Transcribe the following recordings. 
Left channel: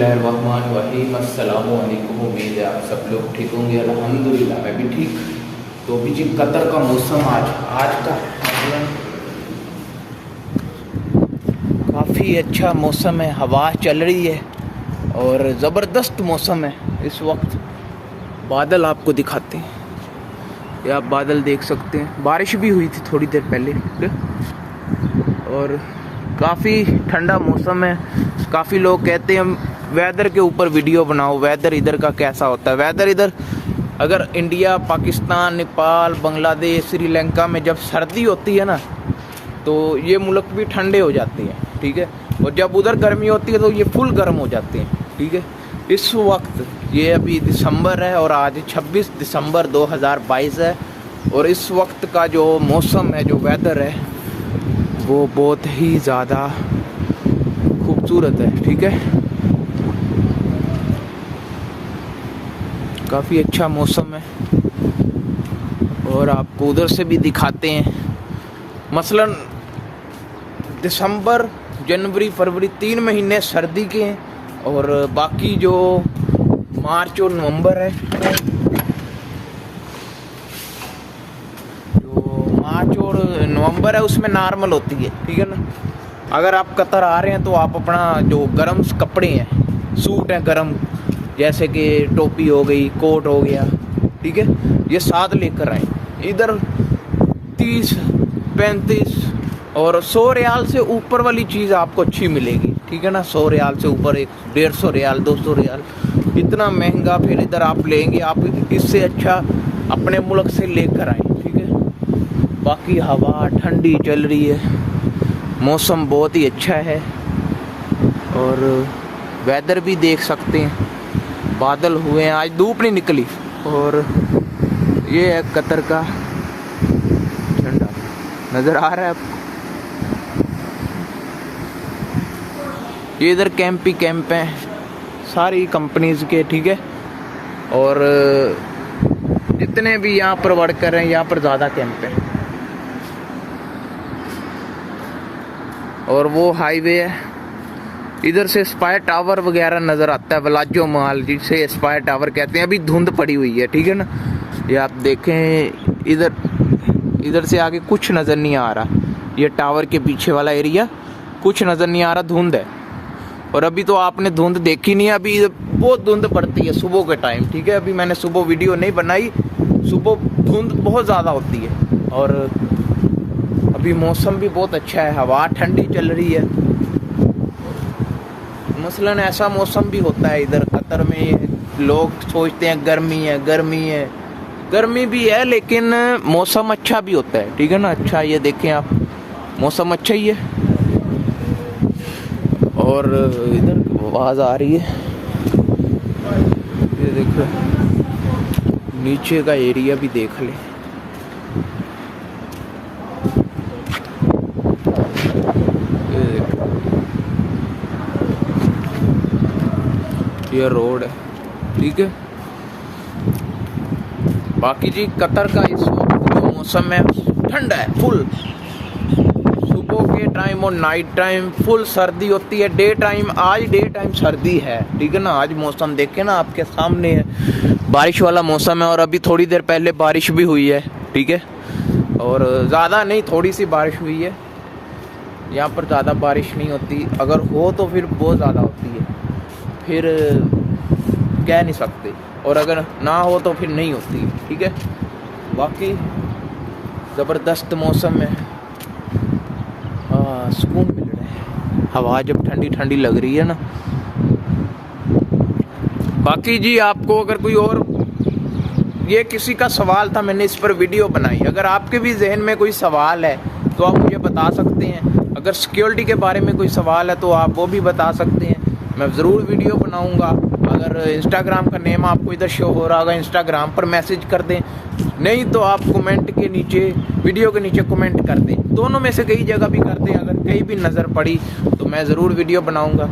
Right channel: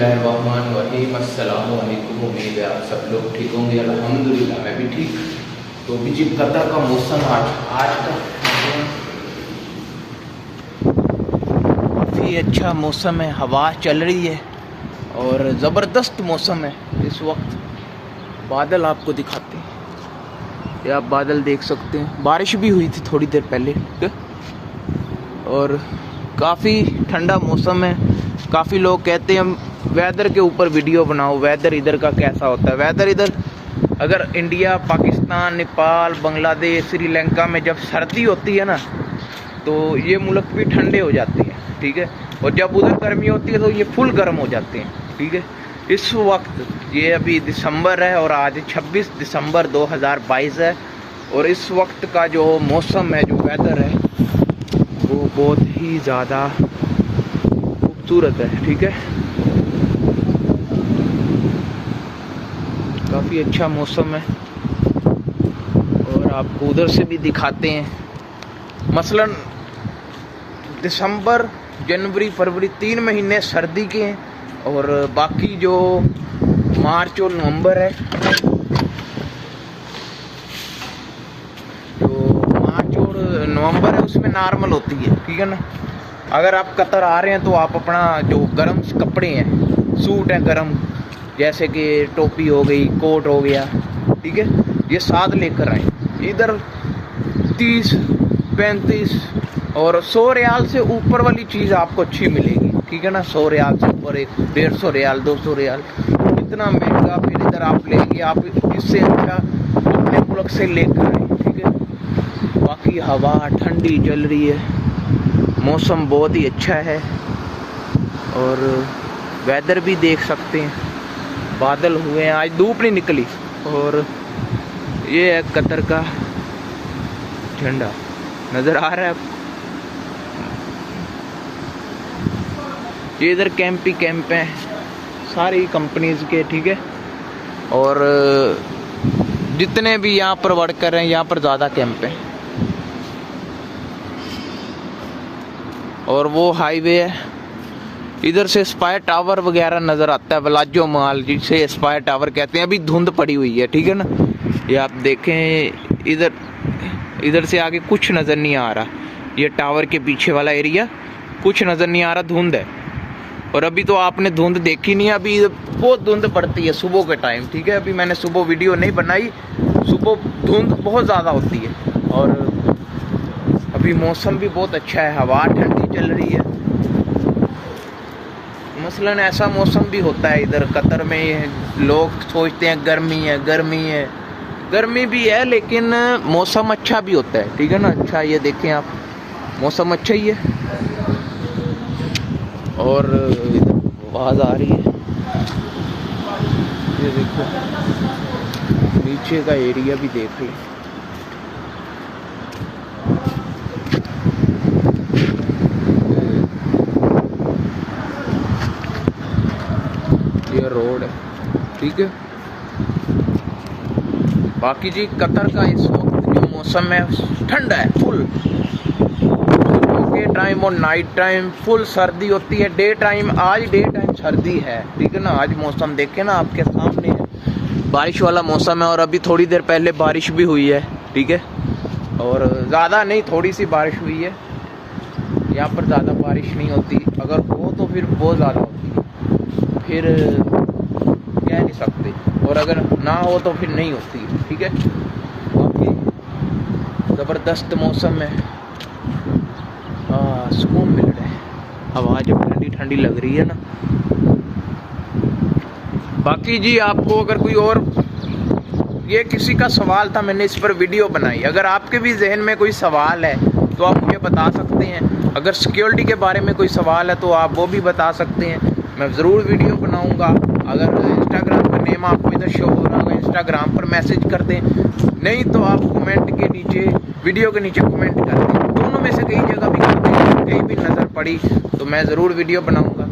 बिस्मिल्लाहिर्रहमानिर्रहीम। अस्सलामु अलैकुम। उम्मीद है आप सब लोग ठीक होंगे। अल्हम्दुलिल्लाह मैं भी ठीक। तो अभी जी कतर का मौसम आज का काफ़ी अच्छा मौसम है, हवा चल रही है और ज़बरदस्त मौसम है इस वक्त। बादल आपको दिखाते हैं, ये आप बादल देख सकते हैं। बारिश भी हुई थी थोड़ी देर पहले और काफ़ी ठंडा मौसम है। काफ़ी लोग कहते हैं वेदर के ऊपर वीडियो बनाओ, वेदर इधर का कैसा होता है। वेदर इधर अगर इंडिया, पाकिस्तान, नेपाल, बांग्लादेश, श्रीलंका में जब सर्दी होती है ना तो ये मुल्क भी ठंडे हो जाते हैं, ठीक है। और जब उधर गर्मी होती है तो ये फुल गर्म हो जाते हैं, ठीक है। इस वक्त ये अभी दिसंबर है और आज 26 दिसंबर 2022 है और इस वक्त का जो मौसम है, जो वेदर है, वो बहुत ही ज़्यादा खूबसूरत है, ठीक है। काफ़ी अच्छा मौसम है और आपको उधर से भी दिखाते हैं। मसलन दिसंबर, जनवरी, फरवरी 3 महीने सर्दी के हैं और बाकी जो मार्च और नवंबर है, जो मार्च और नवंबर है उसमें नॉर्मल होती है, ठीक है ना। अगर आप कतर आ रहे हैं तो आप अपना जो गर्म कपड़े हैं, सूट हैं गर्म, जैसे कि टोपी हो गई, कोट हो गया, ठीक है, ये साथ लेकर आए। इधर 30, 35 और 100 रियाल से ऊपर वाली चीज़ आपको अच्छी मिलेगी, ठीक है ना। 100 रियाल से ऊपर 150 रियाल, 200 रियाल, इतना महंगा फिर इधर आप लेंगे। आप इससे अच्छा अपने मुल्क से लेकर आए, ठीक है। बाकी हवा ठंडी चल रही है, मौसम बहुत ही अच्छा है और वेदर भी देख सकते हैं। बादल हुए हैं, आज धूप नहीं निकली और ये है कतर का झंडा, नज़र आ रहा है आपको। ये इधर कैंप ही कैंप हैं सारी कंपनीज के, ठीक है। और जितने भी यहाँ पर वर्कर हैं, यहाँ पर ज़्यादा कैंप हैं। और वो हाईवे है, इधर से स्पायर टावर वगैरह नज़र आता है, वलाजो माल जिसे स्पायर टावर कहते हैं। अभी धुंध पड़ी हुई है, ठीक है ना। ये आप देखें, इधर से आगे कुछ नज़र नहीं आ रहा। ये टावर के पीछे वाला एरिया कुछ नज़र नहीं आ रहा, धुंध है। और अभी तो आपने धुंध देखी नहीं है, अभी बहुत धुंध पड़ती है सुबह के टाइम, ठीक है। अभी मैंने सुबह वीडियो नहीं बनाई, सुबह धुंध बहुत ज़्यादा होती है और अभी मौसम भी बहुत अच्छा है, हवा ठंडी चल रही है। मसलन ऐसा मौसम भी होता है इधर कतर में, लोग सोचते हैं गर्मी है, गर्मी है, गर्मी भी है लेकिन मौसम अच्छा भी होता है, ठीक है ना। अच्छा, ये देखें आप, मौसम अच्छा ही है। और इधर आवाज़ आ रही है, ये देखो नीचे का एरिया भी देख लें। ये रोड है, ठीक है। बाकी जी कतर का इस वक्त जो मौसम है ठंडा है, फुल सुबह के टाइम और नाइट टाइम फुल सर्दी होती है। डे टाइम, आज डे टाइम सर्दी है, ठीक है ना। आज मौसम देखे ना, आपके सामने है, बारिश वाला मौसम है और अभी थोड़ी देर पहले बारिश भी हुई है, ठीक है। और ज़्यादा नहीं, थोड़ी सी बारिश हुई है। यहाँ पर ज़्यादा बारिश नहीं होती, अगर हो तो फिर बहुत ज़्यादा होती है, फिर कह नहीं सकते, और अगर ना हो तो फिर नहीं होती, ठीक है। बाकी ज़बरदस्त मौसम है, सुकून मिल रहा है, हवा जब ठंडी ठंडी लग रही है ना। बाकी जी आपको अगर कोई और, ये किसी का सवाल था, मैंने इस पर वीडियो बनाई। अगर आपके भी जहन में कोई सवाल है तो आप मुझे बता सकते हैं। अगर सिक्योरिटी के बारे में कोई सवाल है तो आप वो भी बता सकते हैं, मैं ज़रूर वीडियो बनाऊंगा। अगर इंस्टाग्राम का नेम आपको इधर शो हो रहा होगा, इंस्टाग्राम पर मैसेज कर दें, नहीं तो आप कमेंट के नीचे, वीडियो के नीचे कमेंट कर दें। दोनों में से कई जगह भी कर दें, कहीं भी नज़र पड़ी तो मैं ज़रूर वीडियो बनाऊंगा।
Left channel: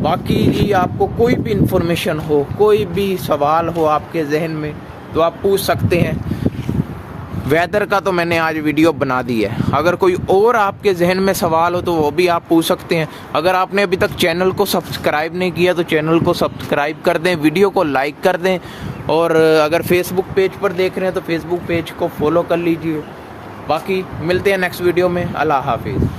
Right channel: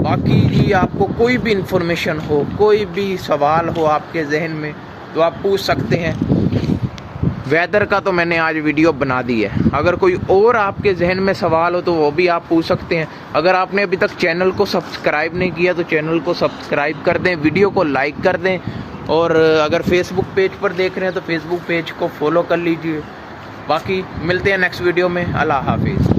बाकी जी आपको कोई भी इंफॉर्मेशन हो, कोई भी सवाल हो आपके जहन में तो आप पूछ सकते हैं। वेदर का तो मैंने आज वीडियो बना दी है। अगर कोई और आपके जहन में सवाल हो तो वो भी आप पूछ सकते हैं। अगर आपने अभी तक चैनल को सब्सक्राइब नहीं किया तो चैनल को सब्सक्राइब कर दें, वीडियो को लाइक कर दें, और अगर फेसबुक पेज पर देख रहे हैं तो फेसबुक पेज को फॉलो कर लीजिए। बाकी मिलते हैं नेक्स्ट वीडियो में। अल्लाह हाफिज़।